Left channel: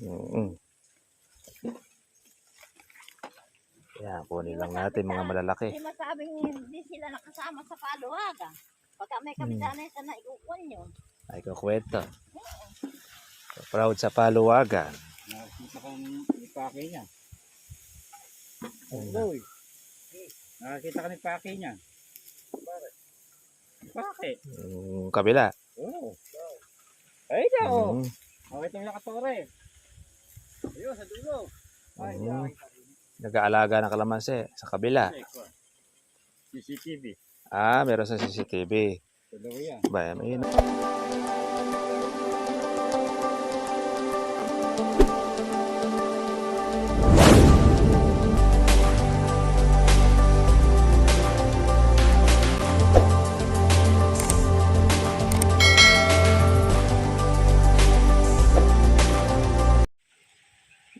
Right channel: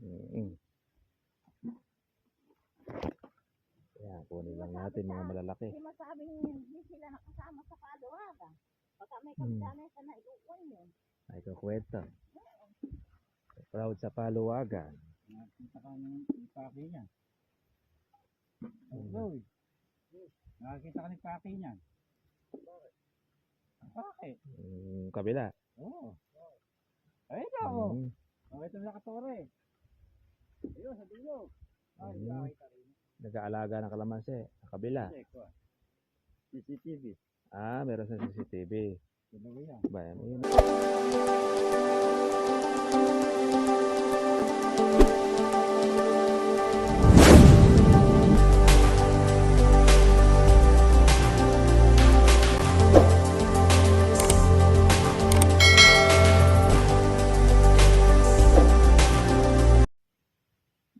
Mm. Yan, kunin lang natin mga malalaki. Hindi masabing hindi sila nakasama sa paluwagan. Pagka may kapitanay sa naikukuan nyo. Ay, kukwento. Proud sa paluwagan. Nakakita ka ni Paki niya. Hello eh. Nakakita ka ni Paki niya. Paki? Yung kabila. Oo. Ay daw. Mm. Okay itong lakatore. Ayun, sa dulo. Ay, nakakita rin. Nag-aalaga ng kalamansi sa kabila. CCTV. Ah, meron sa CCTV. Sa daw yan. Ba, may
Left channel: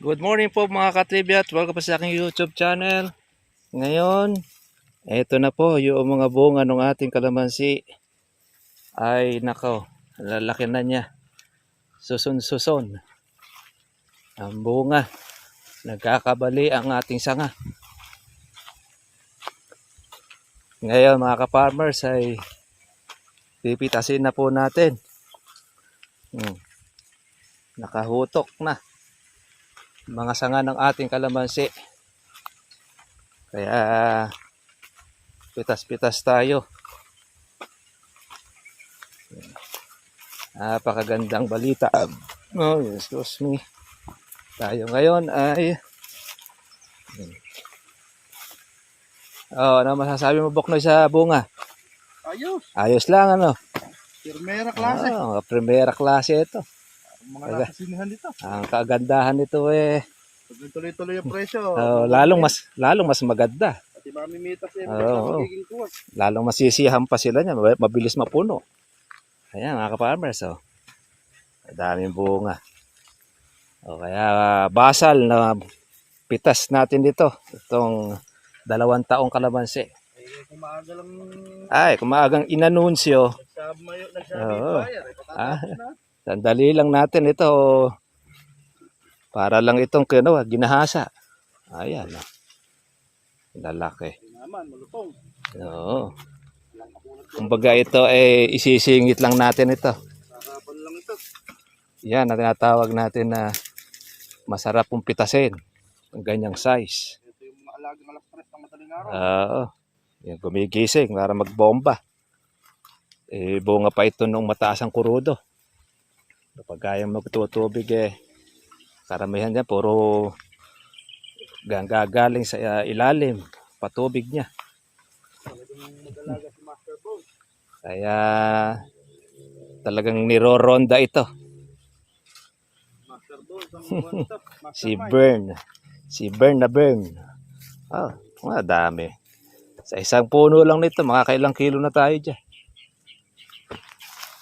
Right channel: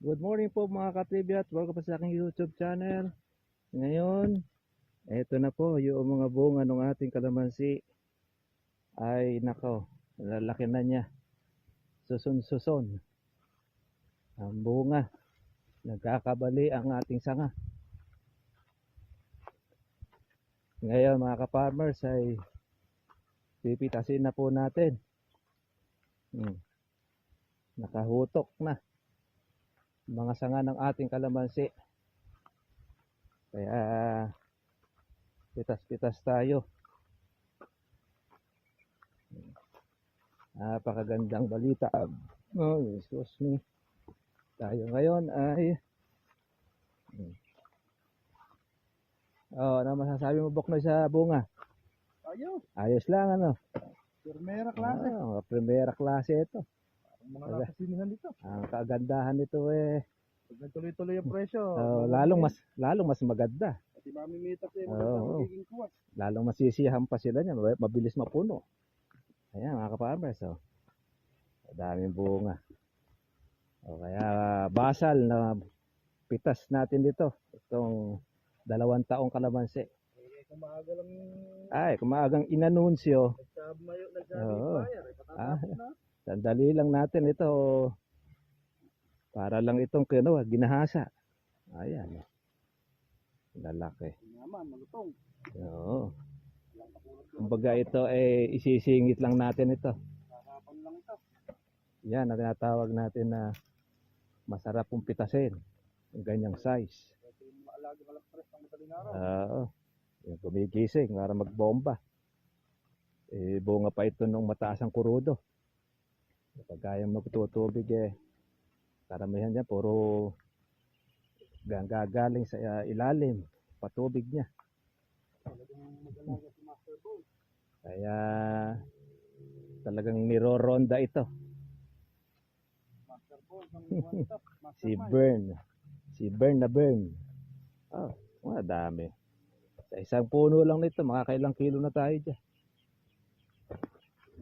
Good morning po mga katribya at welcome po sa aking YouTube channel. Ngayon, eto na po yung mga bunga ng ating kalamansi. Ay nako, lalaki na niya. Suson-suson. Ang bunga. Nagkakabali ang ating sanga. Ngayon mga ka-farmers ay pipitasin na po natin. Nakahutok na mga sanga ng ating kalamansi. Kaya pitas-pitas tayo. Napakagandang balita. Oh, excuse me. Tayo ngayon ay ano masasabi mo, Boknoy, sa bunga? Ayos. Ayos lang, ano? Primera klase. Primera klase ito. Mga nakasinihan dito. Ang kagandahan nito Pag nagtuloy-tuloy yung presyo. lalong mas maganda. Pati mamimitas eh. Oo. Magiging kuwas. Lalong masisiyahan pa sila niya, mabilis mapuno. Ayan mga ka-farmers, oh. Daming bunga. O kaya basal na pitas natin dito. Itong 2 taong kalamansi. Kumaga lang. Ay, kumagang inanunsyo. Nagsabi Oo. buyer. Sandali lang natin ito. Para lang itong ginahasa. Ayan. Lalaki. Naman, malutong. Oo. Kumbaga ito ay isisingit lang natin ito. Sarapan lang ito. Yan na tinatawag natin na masarap pong pitasin. Ang ganyang size. Ito yung mga alagang alas 3 ng madaling araw. Oo. Yan, gumigising para magbomba. Bunga pa ito nung mataas ang kurudo. Kapag kaya magtutubig karamihan niya puro gagaling sa ilalim. Patubig niya. Talagang mag-alaga si Master Bone. Kaya talagang niroronda ito. Master Bone, ang ito. Si Bern na Bern. Oh, dami. Sa isang puno lang nito, makakailang kilo na tayo dyan.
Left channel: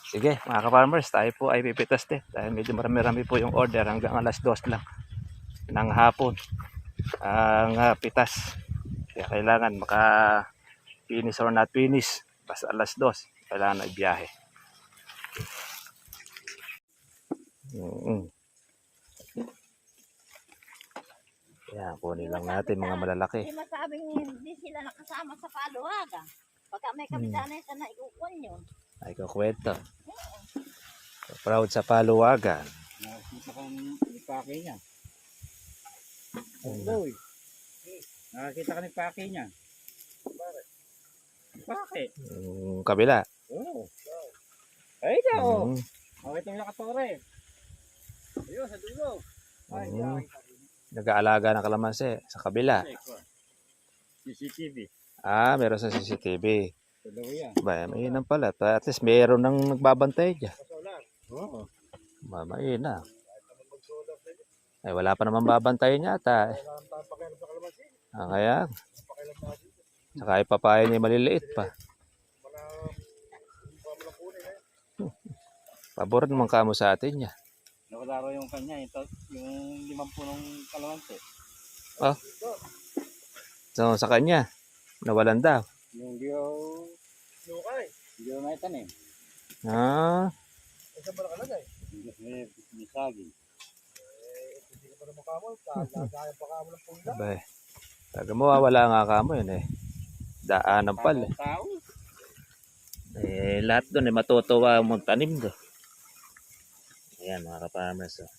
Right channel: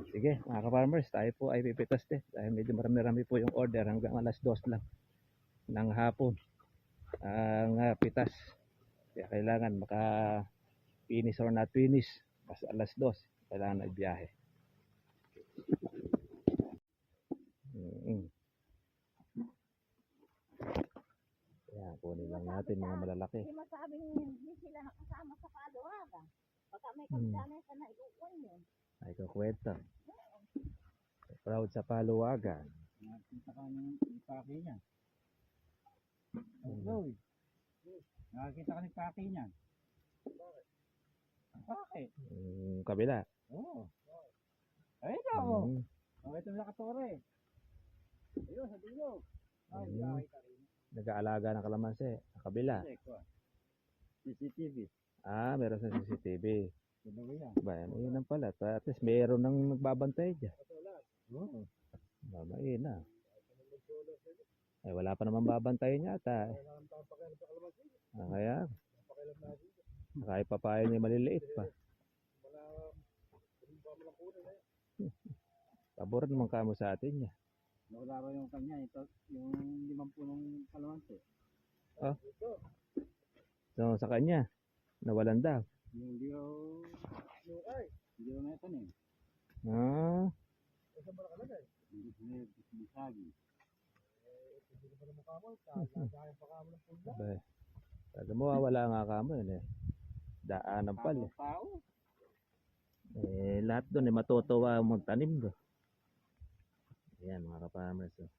Sige, mga ka-farmers, tayo po ay pipitas din. Dahil medyo marami-rami po yung order hanggang alas 2 lang ng hapon. Ang pitas. Kaya kailangan maka-finish or not finish. Basta alas 2, kailangan na ibiyahe. Yan, kunin lang natin mga malalaki. Hindi masabing hindi sila nakasama sa paluwagan. Pagka may kapitanay sa naikukuan nyo. Ay, kukwento. Proud sa paluwagan. Nakakita ka ni Paki niya. Hello eh. Nakakita ka ni Paki niya. Paki? Yung kabila. Oo. Ay daw. Mm. Okay itong lakatore. Ayun, sa dulo. Ay, nakakita rin. Nag-aalaga ng kalamansi sa kabila. CCTV. Ah, meron sa CCTV. Sa daw yan. Ba, mainam pala. At least meron nang nagbabantay dyan. Oo. Mainam. Ay, wala pa naman babantayin yata. Kaya, saka ipapain niya maliliit pa. Pabor naman kamo sa atin niya. Nawala raw yung kanya, yung 5 punong kalamansi. So, sa kanya, nawalan daw. Yung di na itanim. Ah, Saan ba nakalagay? May saging. ba naman kamo? Lagaya pa kamo ng pula. Abay. Taga mo, wala nga kamo yun eh. Daanan pala eh. Tao. Lahat doon eh, matutuwa ang magtanim doon. Ayan mga ka-farmers. Oh.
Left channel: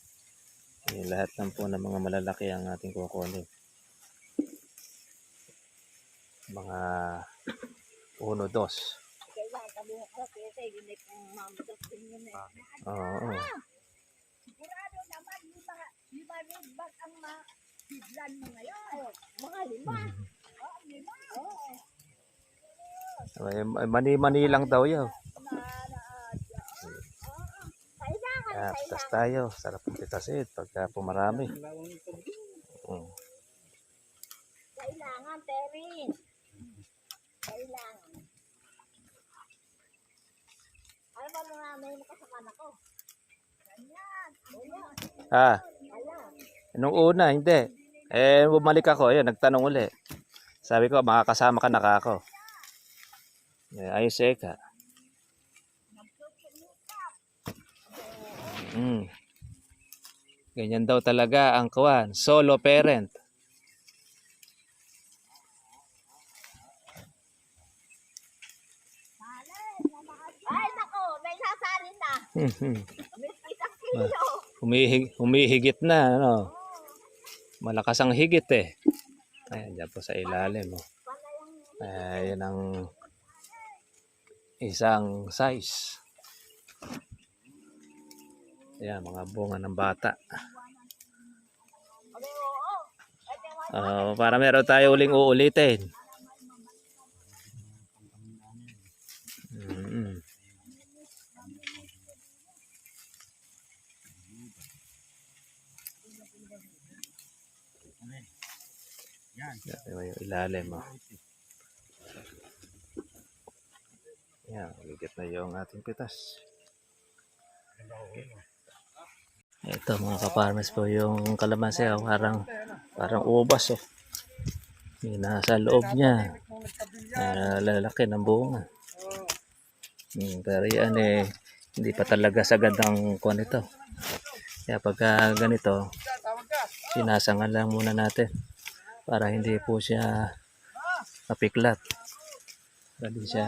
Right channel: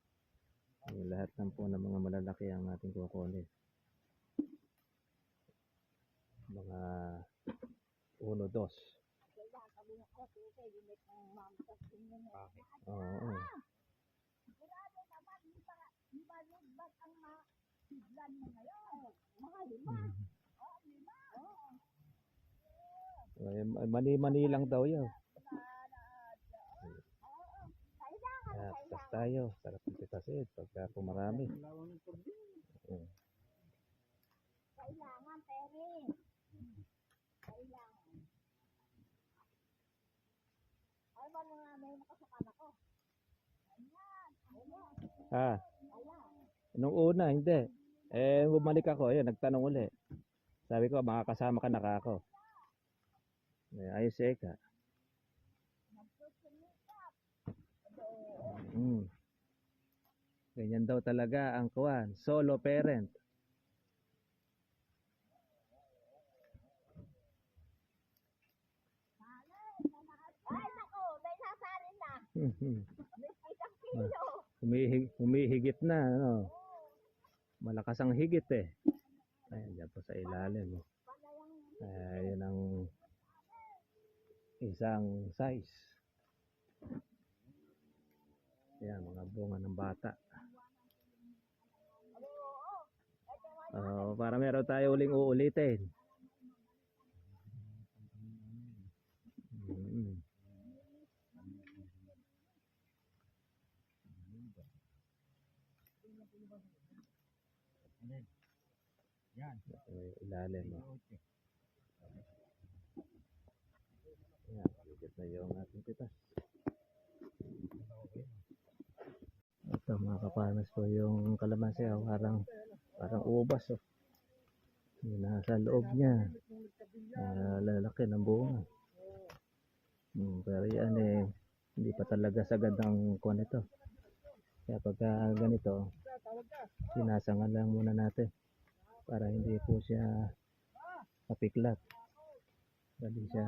Lahat lang po ng mga malalaki ang ating kukunin. Mga 1, 2. Kailangan kami ng kasi hindi pang mamagas din yun eh. Oo. Sigurado naman, lima rin bag ang mahiglan mo ngayon. Mga 5. Oo, 5. Oo. Mani-mani lang daw yun. Kailangan, Tas tayo, sarap ng pitasid pagka pumarami. Kailangan, Terry. Kailangan. Ano ba mga may makasakan ako? Ganyan. Nung una, hindi. Bumalik ako, ayun, nagtanong uli. Sabi ko, makakasama ka na ako. Ayos ka. Ganyan daw talaga ang kuwan, solo parent. Ay, nako, may sasalin na. May 1 kilo. Humihigit na, ano. Malakas ang higit eh. Ayan, dyan po sa ilalim. Oh. Ayan ang isang size. Ayan, mga bunga ng bata. Para meron tayo uling uulitin. Yan. Yung ilalim. Oh. Yan, ligit na yung ating pitas. Ito mga ka-farmers po yung kalamansi. Oh, parang ubas. Oh. Yung nasa loob niya. Lalaki ng bunga. Pero yan hindi pa talaga sagad ang kuwan ito. Kaya pagka ganito, sinasangan lang muna natin para hindi po siya mapiklat. Hindi siya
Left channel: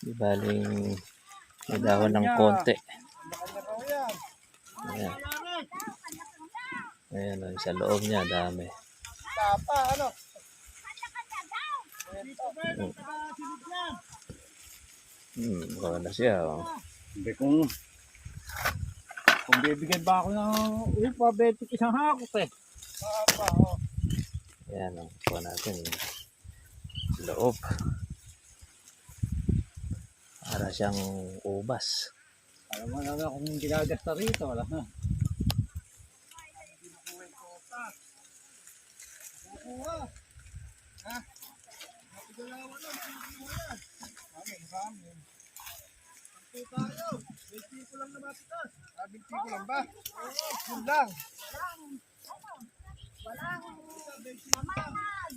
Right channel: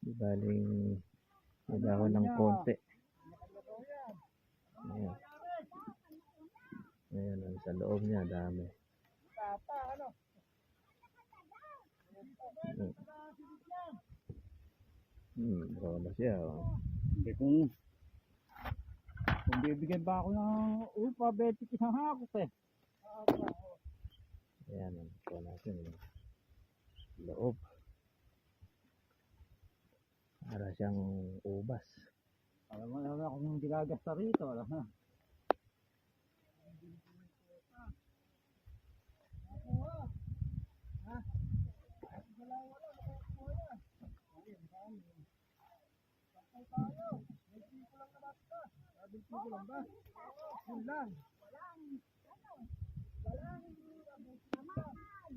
di baling may dahon ng konti. Ayan. Ayan, sa loob niya dami. Tapa, ano? Baka na siya. Oh. Hindi kung bibigyan ba ako ng upa, 20 isang hakot eh. Tapa, oh. Ayan, kuha natin loob. Para siyang ubas. Alam mo na kung ginagasta rito, wala na.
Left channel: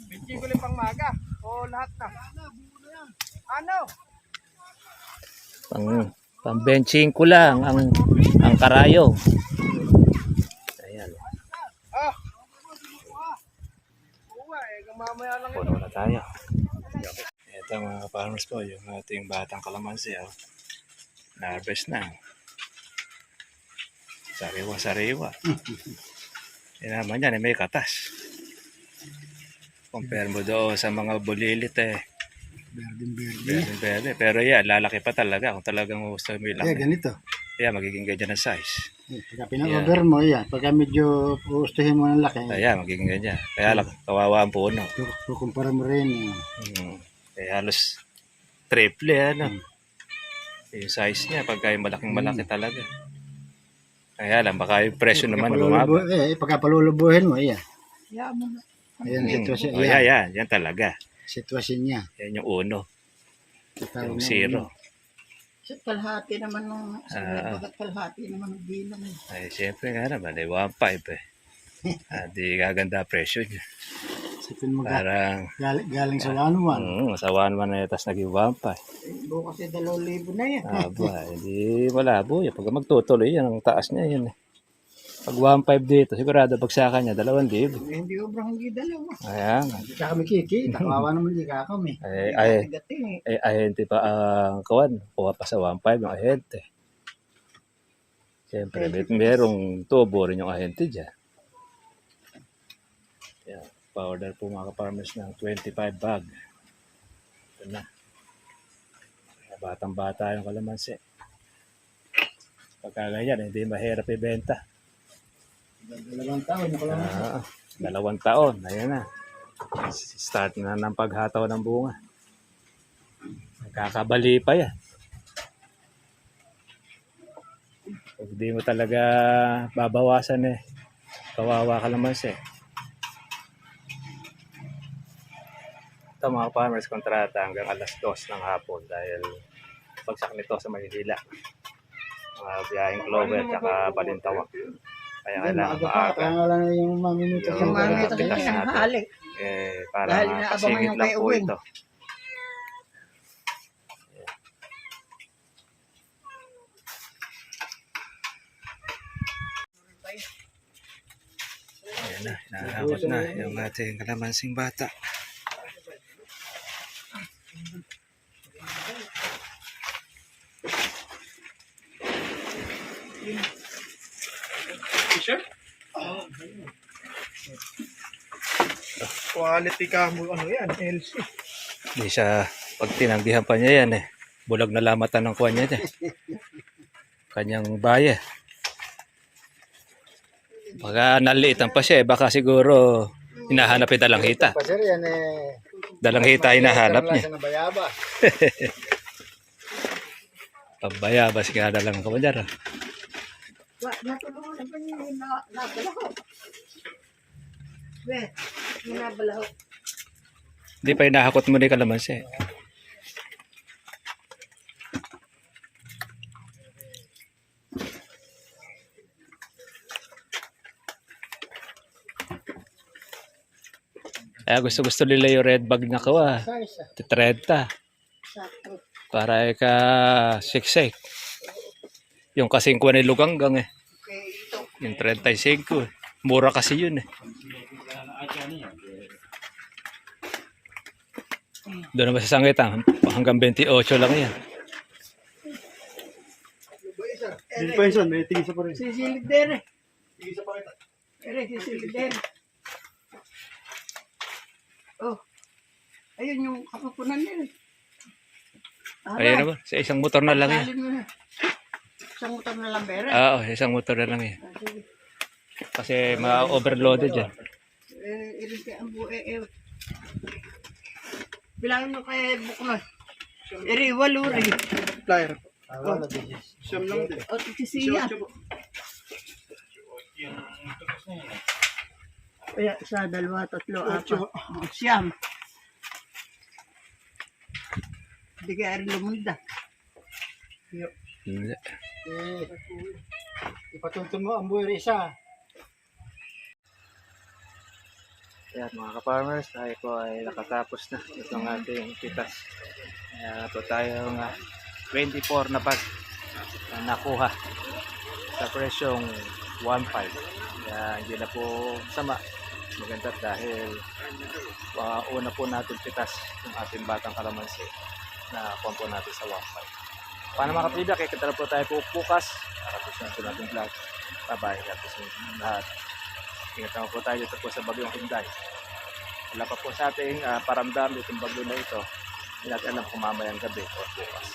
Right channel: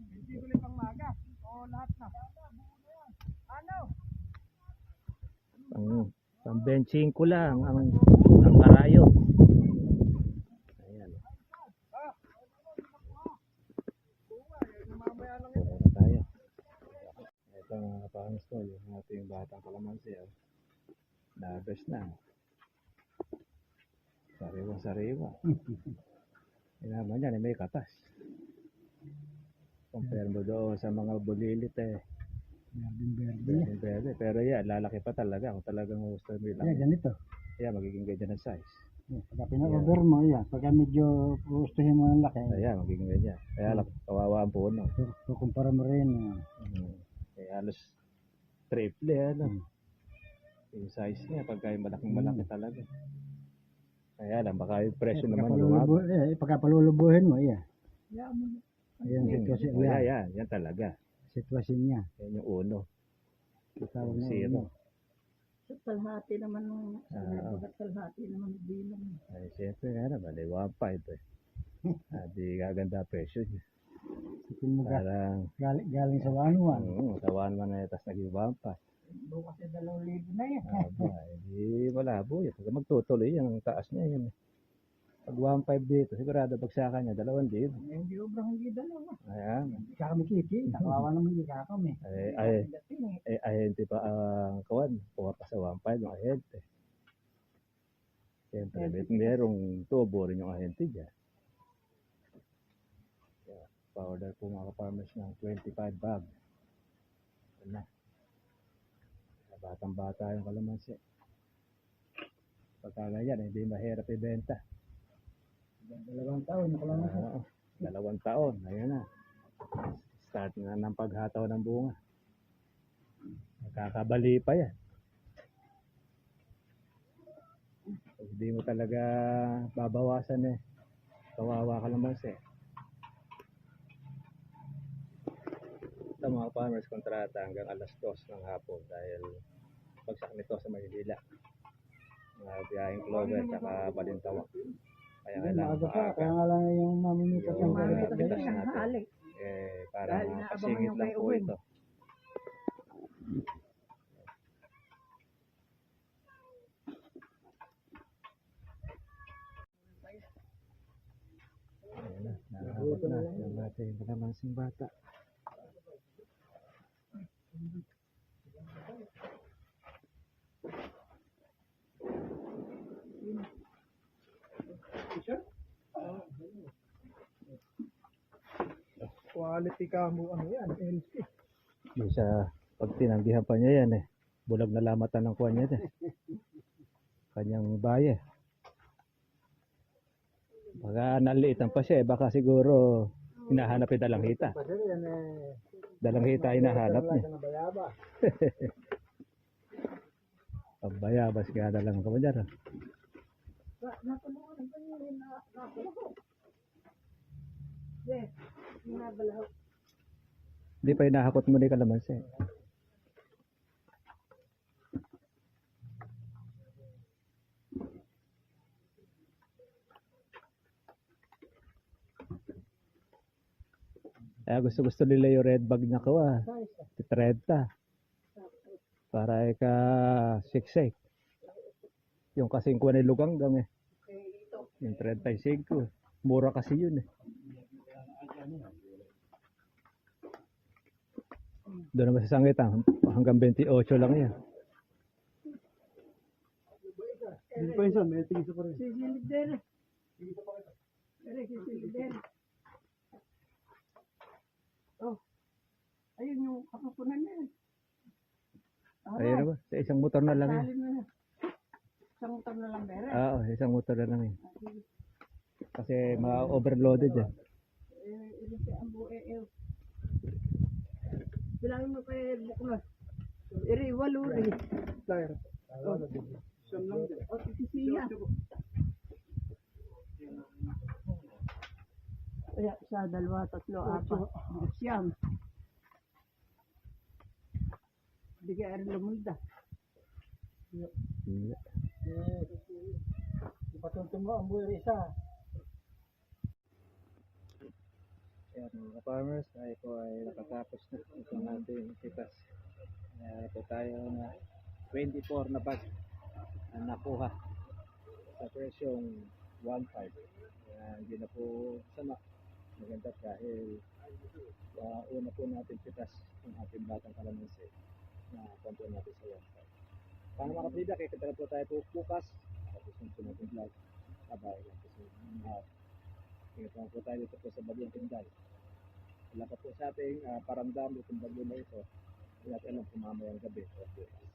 Binti pang maga o lahat na. Ano? Pang benching ko lang ang karayo. Ayan. Mamaya lang Puno na tayo. Ito mga farmers po, yung ating batang kalamansi. Oh. Na-harvest na. Sariwa-sariwa. Yan naman yan, may katas. Compare mo doon sa mga bulilit Berde. Pero yan, lalaki pa talaga kung talagang gusto mo ilang. ganito. Yan, magiging ganyan ang size. Pagka pinag-order mo, yan. Pagka medyo gustuhin mo ng laki. Ayan, magiging ganyan. Kaya lang, kawawa ang puno. Kukumpara mo rin. Kaya halos triple ano. Yung size niya, pagka yung malaki talaga. Kaya lang, baka yung presyo naman bumaba. Pagka palulubuhin mo, yan. Ayan, sitwasyon. Yan talaga. Sitwasyon niya. Yan yung uno. Yung zero. Sa kalahati naman ng bagat kalahati naman ng bilang. Ay, siyempre nga naman, 1.5 Di gaganda presyo niya. Sipin mo Parang, galing sa 1-1. sa 1.1 na tas naging 1.5. Bukas ay 2,000 na yan. Aba, hindi malabo yan. Pag magtutuloy yan, ang taas niya yan. Pag 1.5 dito, sigurado bagsakan niya, 2,000. Hindi obrang hindi dalawa. Ayan. Hindi ka kami kikita. Kawawa naman hindi ka kami. Ahente pa ang kawan. Kuha pa sa 1.5 yung ahente. Siyempre, merong tubo rin yung ahente dyan. Yan. Pa-order po mga ka-farmers ng 25 bag. Ito na. Batang-bata yung kalamansi. Pagka ganyan, hindi mahirap ibenta. 2 taon na kalamansi. 2 taon. Ayan na. Start na ng paghataw ng bunga. Nakakabali pa yan. Pag di mo talaga babawasan kawawa ka naman siya. Ito mga farmers kontrata hanggang alas 2 ng hapon dahil pagsak nito sa Maynila. Mga biyaheng Clover at Balintawak. Kaya kailangan Maaga pa. Kaya nga lang yung mamimita Yung siyang mga gagawin. pitas Kaya natin. hali. Para Dahil inaabangan kasingit yung lang kay po Uwing. ito. Ayan na, nakakabot na yung ating kalamansing bata. Quality ka mo. Ano yan? LC. Hindi siya, pag tinanggihan pa niya yan bulag na lamatan ng kuha niya dyan. Kanyang baya. Baka naliitan pa siya baka siguro hinahanap yung dalang hita. Pasir yan Dalang hita hinahanap niya. Sa bayaba. Pabayabas ka dalang kuha dyan. Natulungan pa niya yung nabalaho. Yung nabalaho. Hindi pa hinahakot mo ni kalamansi. Gusto nila yung red bag na kawa. 30. Sakto. Para ka siksik. Yung kasing kuha ni Luganggang Okay, ito. Yung 35 Mura kasi yun Doon naman sa Sangitan, hanggang 28 lang yan. Hindi pa yun, may tingin sa pa rin. Sisilid din eh. Tingin sa pa rin. Sisilid din. Oh. Ayun yung kapapunan nila. Ayun naman, sa isang motor na lang yan. Isang motor na lang bere. Oo, isang motor na lang yan. Sige. Kasi ma-overloaded yan. Irin kaya ang buhay. Bilangin mo kay Buknoy. Iri, walo rin. Flyer. Wala din. Siyam lang din. O, tisiya. Kaya, isa, dalawa, tatlo, apat. Siyam. Hindi kaya rin lumunda. Hindi. Ipatuntun mo ang buhay isa. Yan mga ka-farmers, tayo po ay nakatapos na itong ating pitas. Kaya po tayo 24 na bag na nakuha sa presyong 1.5. Kaya hindi na po sama. Maganda dahil una po natin pitas yung ating batang kalamansi na kuha po natin sa 1.5. Paano mga kapibya, kaya kita na po tayo po bukas. Tapos na natin vlog. Bye-bye. Tapos lahat. Ingat naman po tayo dito po sa bagyong Hinday. Wala pa po sa ating paramdam itong bagyo na ito. Hindi natin alam kung mamayang gabi o bukas.